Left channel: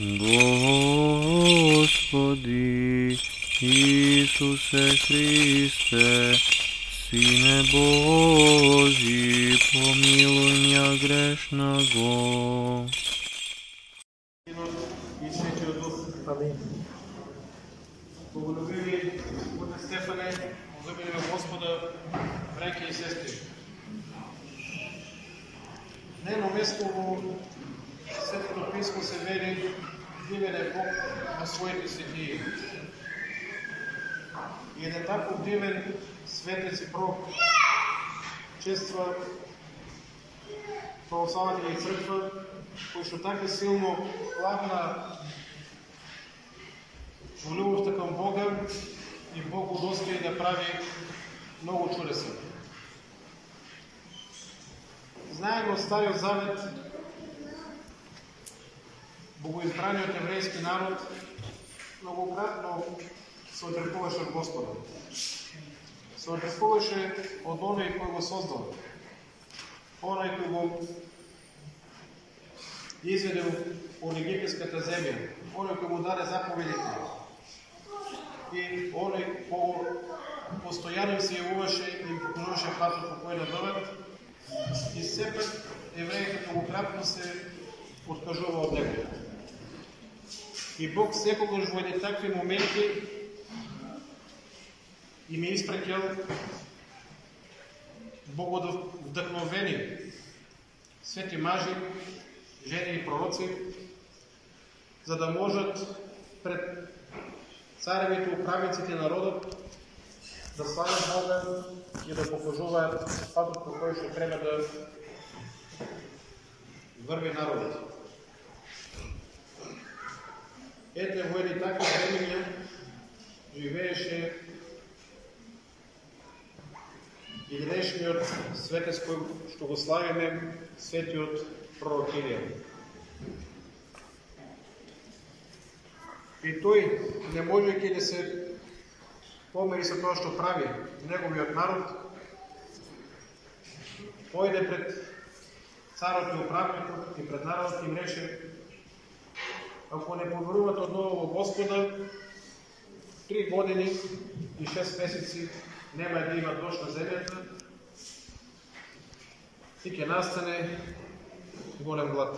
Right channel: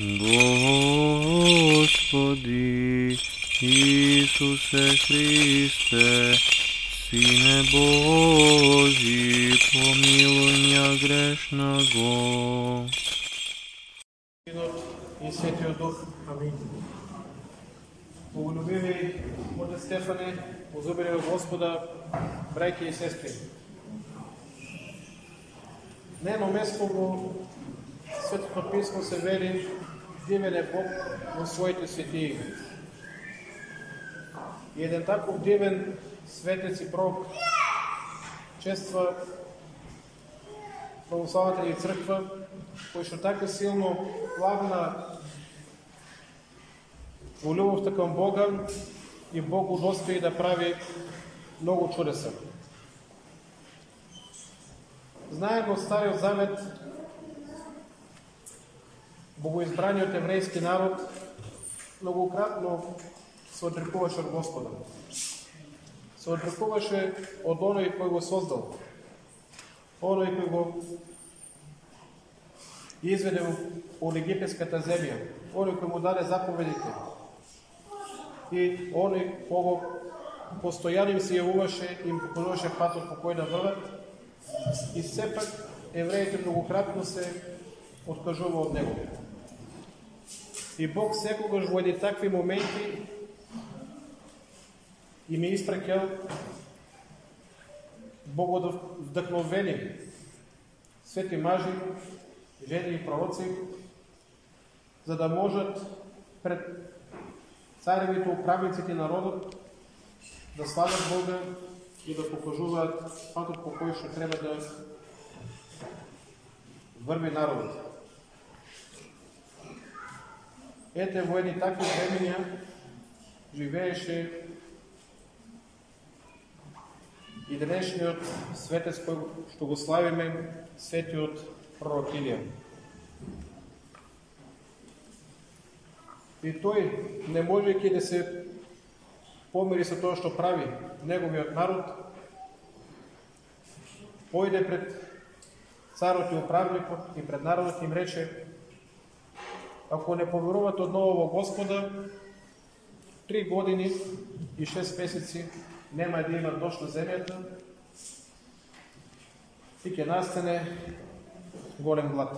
Господи Исусе Христе, Сине Божий, помилуй меня грешного. И Светия Дух. Амин. Благолюбиви Отец Стефане, возлюбени Господа, браќи и сестри. На едно место во Светото Писмо се вели дивен е Бог на своите светии. И еден таков дивен светец и пророк чества православната ни црква, кој што така силно плагна во љубовта кон Бога и Бог удостои да прави многу чудеса. Знаеме од Стариот Завет богоизбраниот еврејски народ многократно се отрекуваше од Господа. Се отрекуваше од оној кој го создал, оној кој го изведе од египетската земја, оној кој му даде заповедите и оној кој постојано им се јавуваше и им покажуваше патот по кој да водат, и сепак евреите многократно се откажува од него. И Бог секогаш во едни такви моменти им е испраќал богодвдахновени свети мажи, жени и пророци, за да можат пред царевите, управниците на народот да славят Бога и да покажуваат патот по кој што треба да врви народот. Ете, во едни такви времења живееше и денешниот светец кој што го славиме, светиот пророк Илија. И тој, не можејќи да се помири со тоа што прави неговиот народ, појде пред царот и управникот и пред народот им рече: ако не поверувате одново во Господа, 3 години и 6 месеци нема да има дожд на земјата и ќе настане голем глад.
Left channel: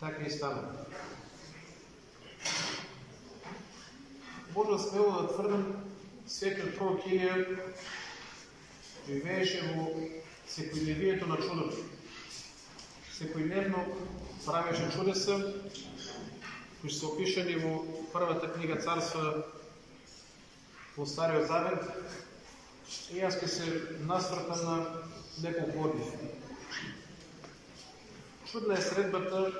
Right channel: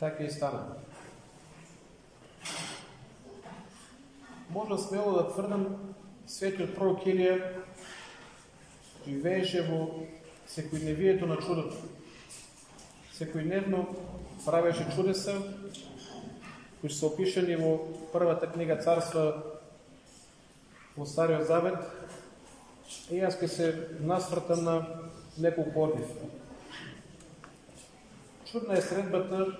Така и стана. Може смело да тврдам, светиот пророк Илија живееше во секојдневието на чудото. Секојдневно правеше чудеса, кои се опишани во првата книга Царства во Стариот Завет, и јас ќе се насвртам на неколку од нив. Чудна е средбата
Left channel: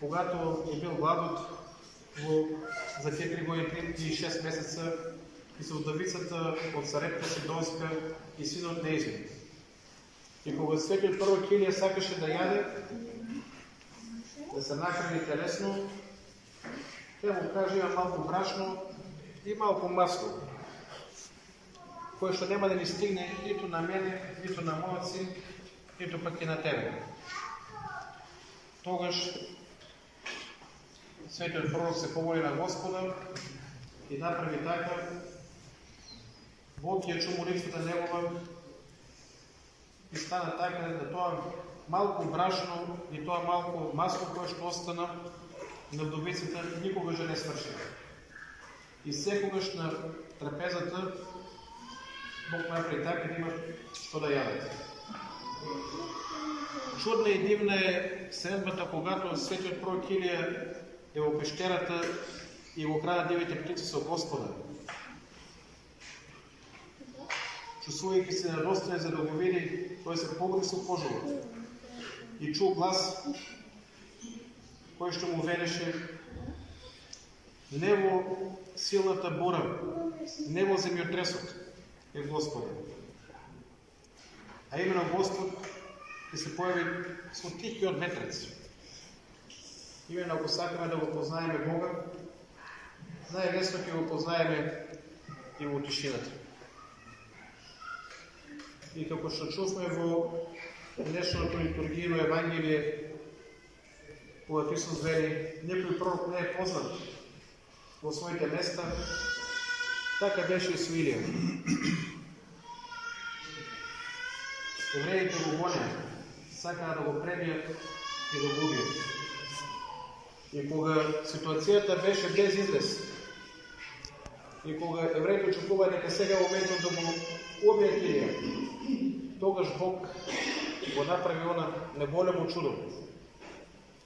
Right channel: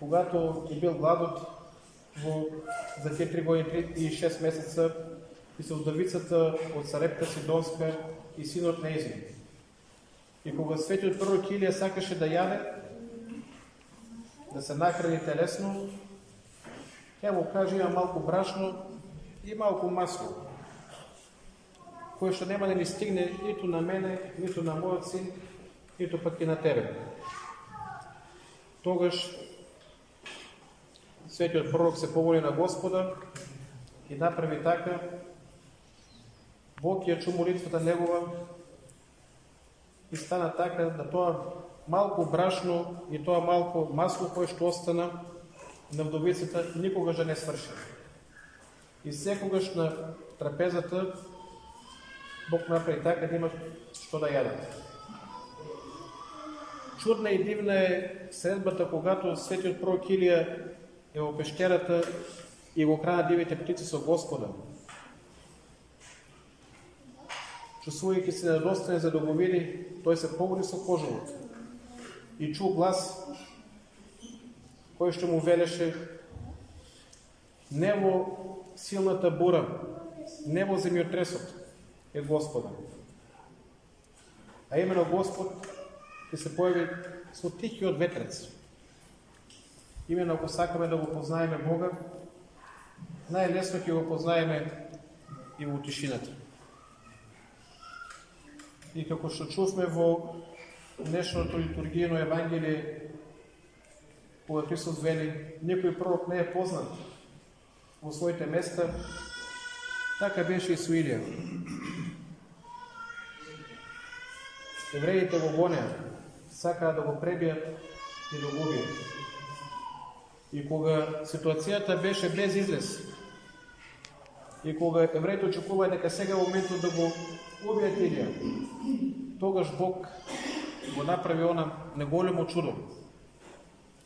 когато е бил гладот за тие 3 години и 6 месеца и со вдовицата од Сарепта Сидонска и синот нејзин. И кога светиот пророк Илија сакаше да јаде, да се нахрани телесно, тя му каже: има малку брашно и малку масло, кое што нема да ни стигне ниту на мене, ниту на мојот син, ниту пак и на тебе. Тогаш светиот пророк се помоли на Господа и направи така. Бог ја чу молитвата негова и стана така да тоа малку брашно и тоа малку масло кое што остана на вдовицата никогаш не сврши. И секогаш на трапезата Бог направи така да има што да јадат. Чудна и дивна е средбата когато светиот пророк Илија е во пештерата и го храна дивите птици со Господа. Чувствувајќи се недостоен за да го види, тој се погри со кожулот и чу глас кој што му велеше: не во силната бура, не во земјотресот е Господа, а именно Господ ќе се појави со тихиот ветрец. Именно ако сакаме да го познаеме Бога, најлесно ќе го познаеме и во тишината. И како што чувме во днешното литургијно Евангелие кога Христос вели, никой пророк не е познат во своите места, така беше и со Илија. Евреите го гонеа, сакаа да го пребијат и да го убијат. И кога ситуацијата беше без излез, и кога евреите очекува дека сега моментот да го убијат Илија, тогаш Бог го направи она неголемо чудо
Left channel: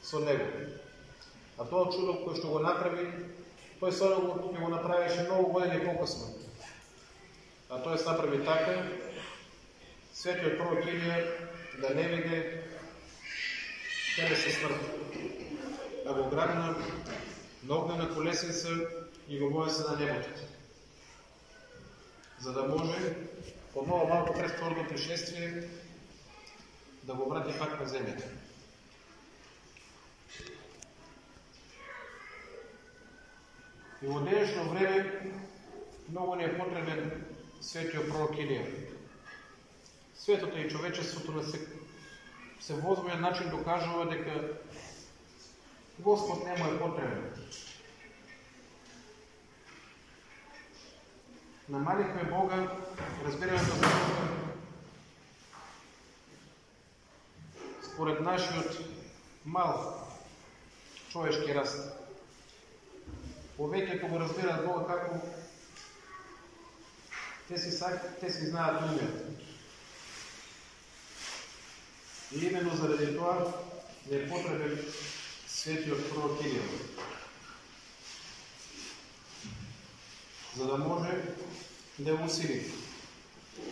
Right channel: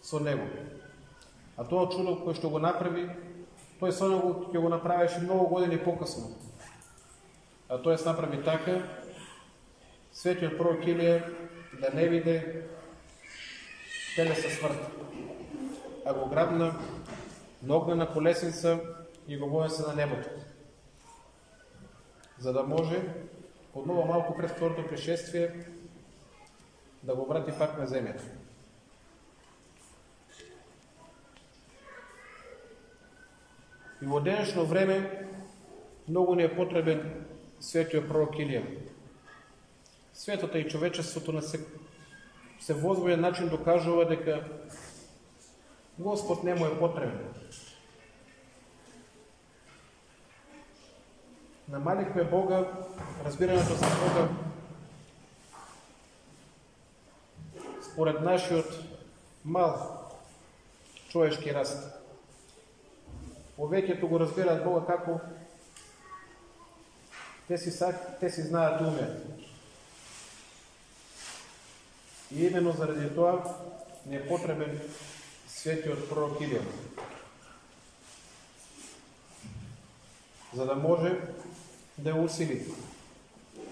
со него. А тоа чудо кој што го направи, тој сега ќе го направеше многу години покасно. А тој се направи така, светиот пророк Илија да не виде телесна смрт, а го грабна на огнена колесница и го воесе на небото, за да може однова малку пред второто пришествие да го врати пак на земјата. И во денешно време многу ни е потребен светиот пророк Илија. Светото и човечеството на се возбуден начин докажува дека Господ не му е потребен. Намалихме Бога, разбирането за Бога според нашиот мал човешки раст. Повеќето го разбираат Бога како те си знаат и умеат. И именно заради тоа не е потребен светиот пророк Илија, за да може да усили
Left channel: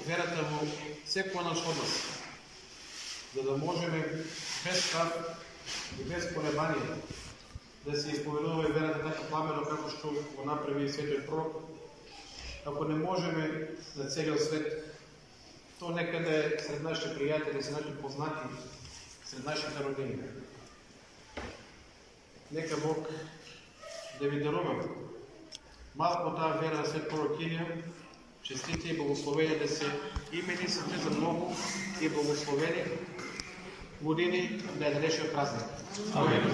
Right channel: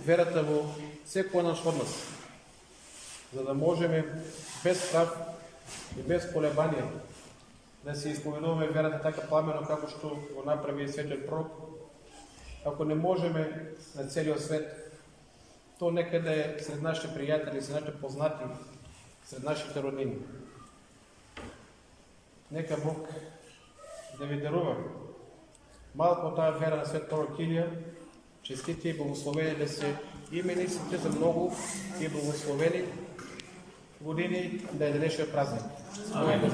верата во секој наш од нас, за да можеме без страх и без колебание да се исповедуваме верата така пламено како што го направи светиот пророк. Ако не можеме на целиот свет, то некаде сред нашите пријатели, сред нашите познати, сред нашите родини. Нека Бог да ви дарува малко таа вера на свет пророк Илија, честити и благословени да се имени се за многу и благословени години да е денешниот празник. Амин.